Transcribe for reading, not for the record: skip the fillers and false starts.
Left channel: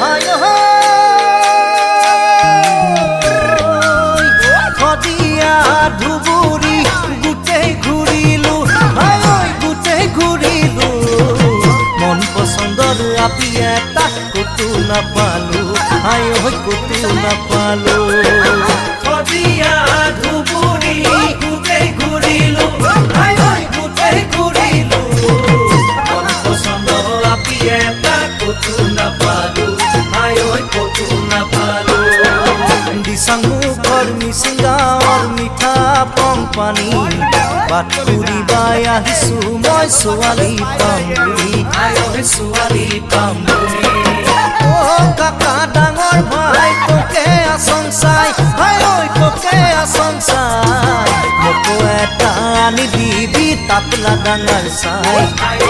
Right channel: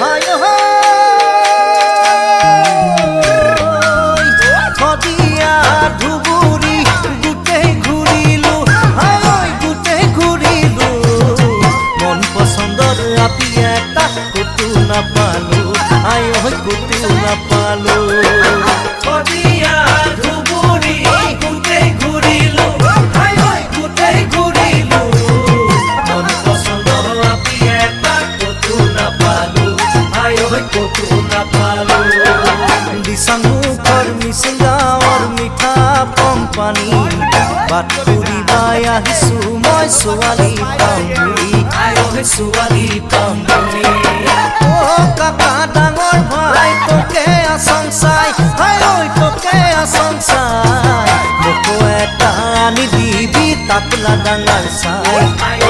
হাই থদিয়া ধুবুৰী গোটেই ঘূৰিলো হাই গোটেই ঘূৰিলো মন পছন্দৰ আপি এটা কতো নাপালো হাই কতো নাপালো থদিয়া ধুবুৰী গোটেই ঘূৰিলো হাই গোটেই ঘূৰিলো মন পছন্দৰ আপি এটা কতো নাপালো হাই কতো নাপালো দিচাং মুখৰ মিচিং গাঁৱৰ মিঠা পং পানী বাট ফুৰিবাই আহিছো মই ছোৱালী পাম বুলি ছোৱালী পাম বুলি অ কাকা ডাঙৰ ভাই তোকে আচং চাই হাই ঐ তোকে আচং চাই মোকো এটা আনি দিবি তাপলা ডাঙৰ চাই